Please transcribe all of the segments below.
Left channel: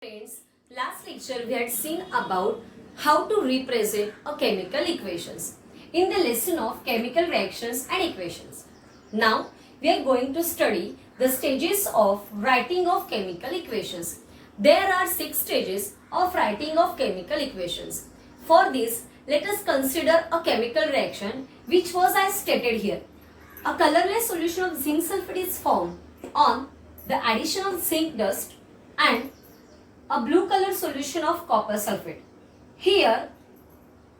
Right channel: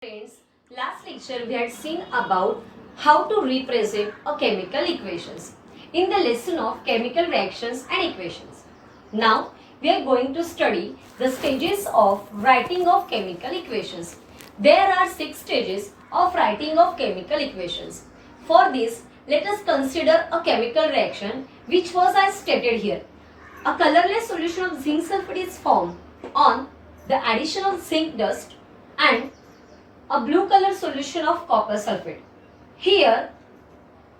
Friends, last lecture we had seen about how to represent a chemical equations in the lesson of chemical reactions and equations. Now we are going to study the stages of writing of chemical equations. There are 6 stages of writing of chemical equations. For this, let us consider a chemical reaction which was as stated here. A colorless solution of zinc sulfate is formed on the addition of zinc dust and a blue color solution of copper sulfate. Here,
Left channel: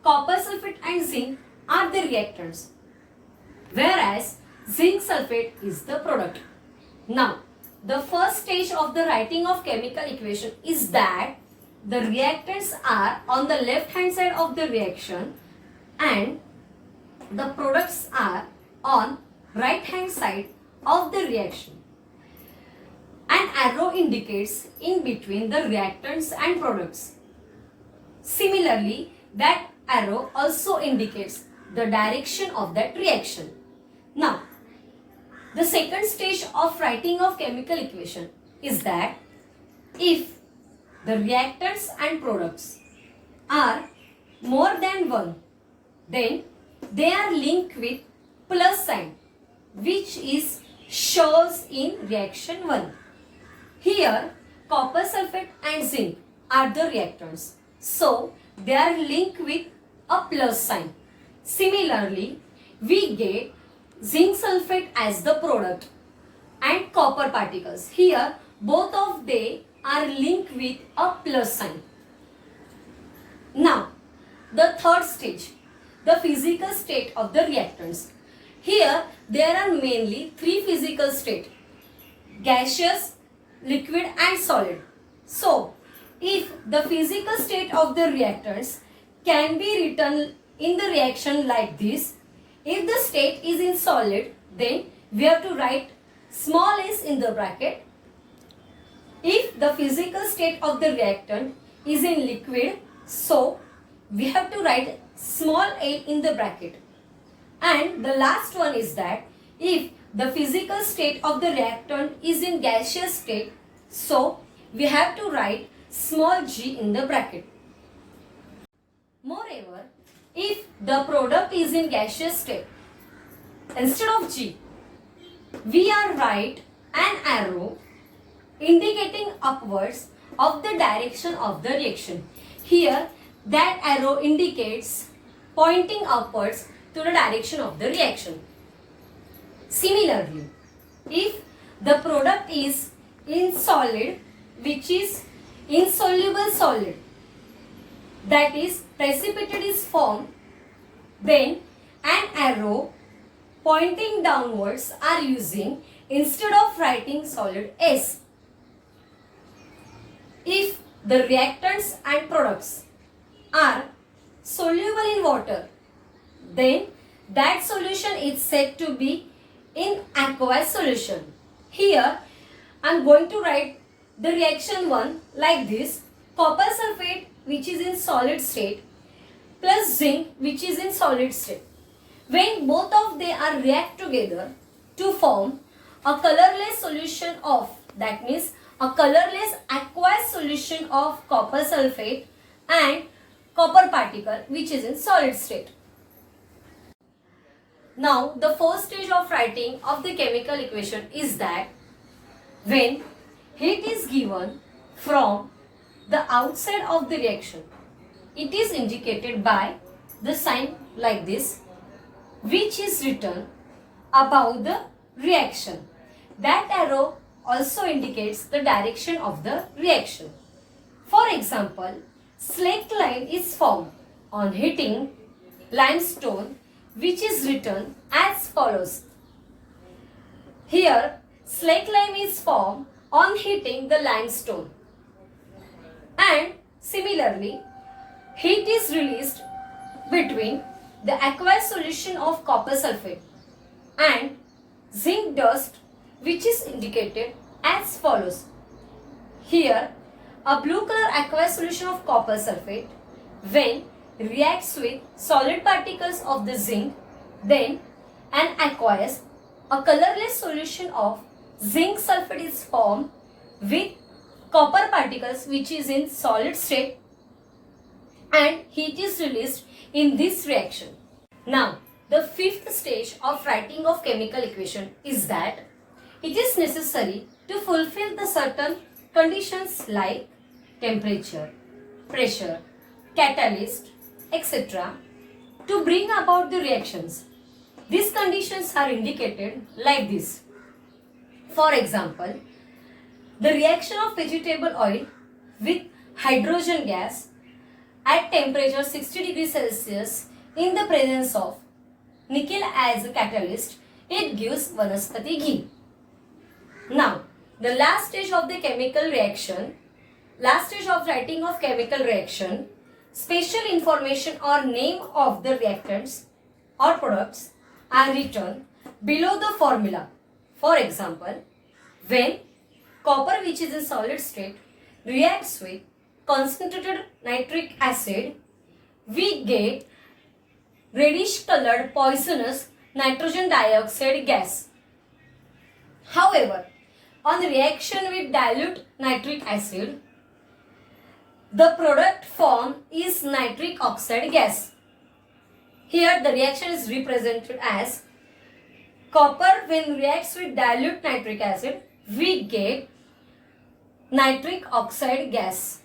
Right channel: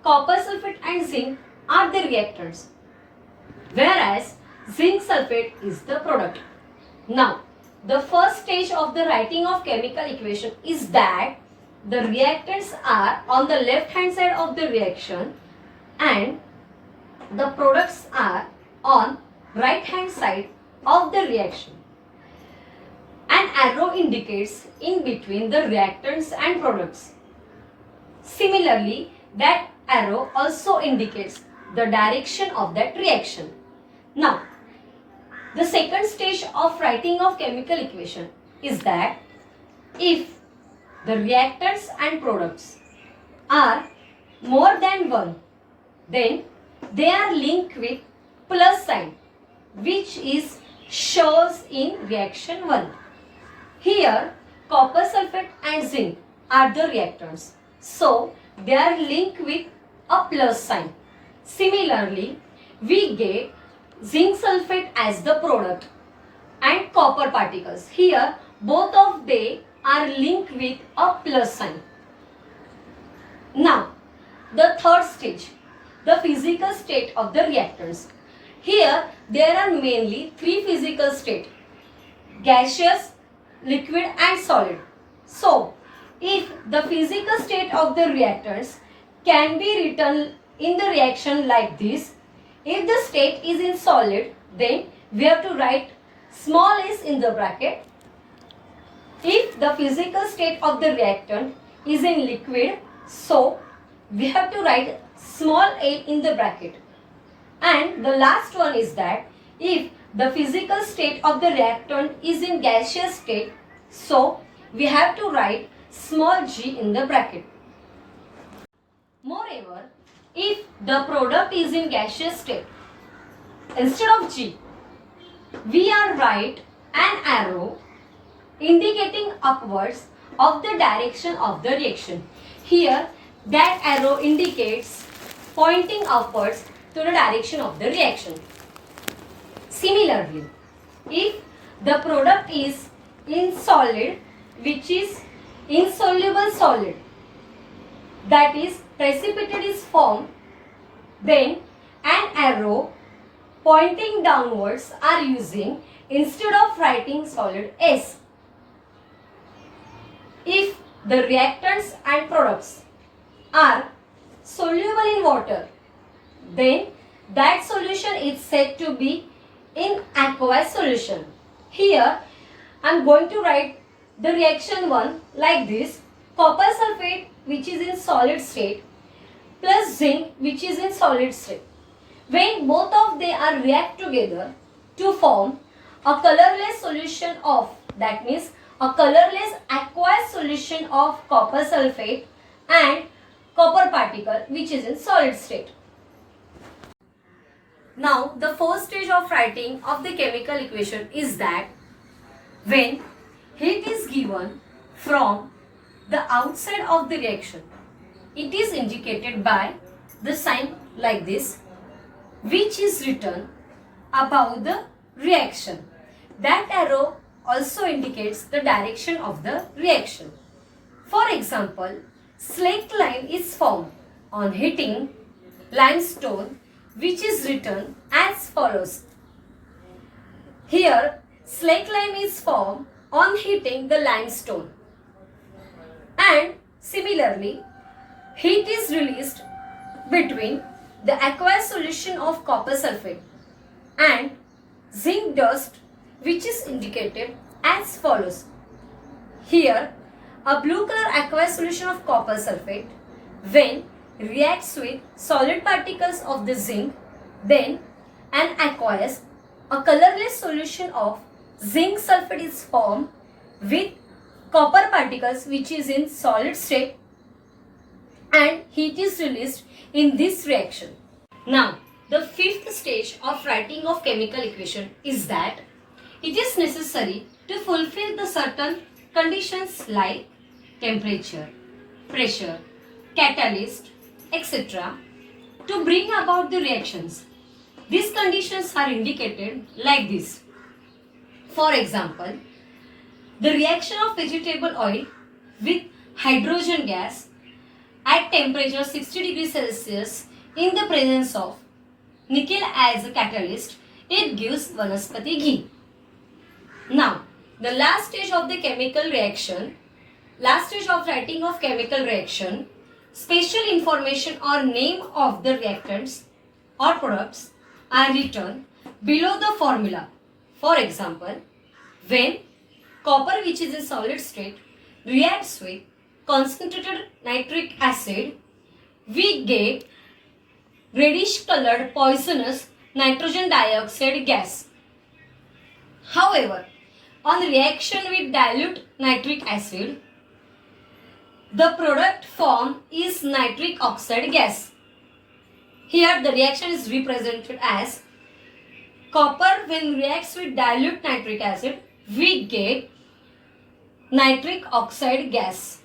copper sulfate and zinc are the reactants, whereas zinc sulfate is the product. Now, the first stage of the writing of chemical equation is that the reactants are on the left hand side of the reaction and the products are on right hand side of the reaction. An arrow indicates in between the reactants and products. Similarly, that arrow also indicates the direction of that reaction. Now, the second stage of writing of chemical equation is that if the reactants and products are more than one, then they are linked with plus sign, which is shows in reaction 1. Here, copper sulfate and zinc are the reactants. So, they are linked with a plus sign. Similarly, we get zinc sulfate as the product and copper particles. Here, both of they are linked with a plus sign. Now, the third stage, the physical state of the reactants. Here, there are mainly 3 physical states: gaseous, liquid and solid. So, if the physical state of the reactants can be written in the reaction like this, if the state is in solid, then we have to write small s in the bracket. If the physical state of the reactant is in liquid, so we have to write small a in the bracket. And the last one is that if the physical state of the reactant is in gaseous state, so we have to write small g in the bracket. Moreover, if the product is in gaseous state, instead of g, we are write an arrow indicating upwards of the direction of the reaction. Here, that arrow indicates pointing upwards to the direction of the reaction. Similarly, if the product is in solid, which is insoluble solid, that is precipitate is formed, then an arrow pointing downwards are using instead of writing solid S. If the reactants and products are soluble in water, then that solution is said to be in aqueous solution. Here, I am going to write the reaction 1 like this: copper sulfate, which is in solid state, plus zinc, which is in solid state. When both of they are react together to form a colorless solution of, that means a colorless aqueous solution of copper sulfate and copper particle, which is in solid state. Now, the fourth stage of writing of the chemical equation is that when heat is given from the outside of the reaction, it is indicated by the sign like this, which is written above the reaction. That arrow also indicates the direction of the reaction. For example, slaked lime is formed on heating limestone, which is written as follows. Here, slaked lime is formed on heating the limestone. And similarly, heat is released between the aqueous solution of copper sulfate and zinc dust, which is indicated as follows. Here, a blue color aqueous solution of copper sulfate, when reacts with solid particles of the zinc, then an aqueous, a colorless solution of zinc sulfate is formed with copper particles which is in solid state and heat is released in this reaction. Now, the fifth stage of writing of chemical equation is that it is necessary to fulfill the certain conditions like temperature, pressure, catalyst, etc. to bring about the reactions. These conditions are indicated like this. For example, the reaction of vegetable oil with hydrogen gas at temperature 60 degrees Celsius in the presence of nickel as a catalyst, it gives vanaspati ghee. Now, the last stage of the chemical reaction, last stage of writing of chemical reaction, special information or name of the reactants or products are written below the formula. For example, when copper which is in solid state reacts with concentrated nitric acid, we get reddish colored poisonous nitrogen dioxide gas. However, on reaction with dilute nitric acid, the product form is nitric oxide gas. Here the reaction is represented as copper when reacts with dilute nitric acid, we get nitric oxide gas.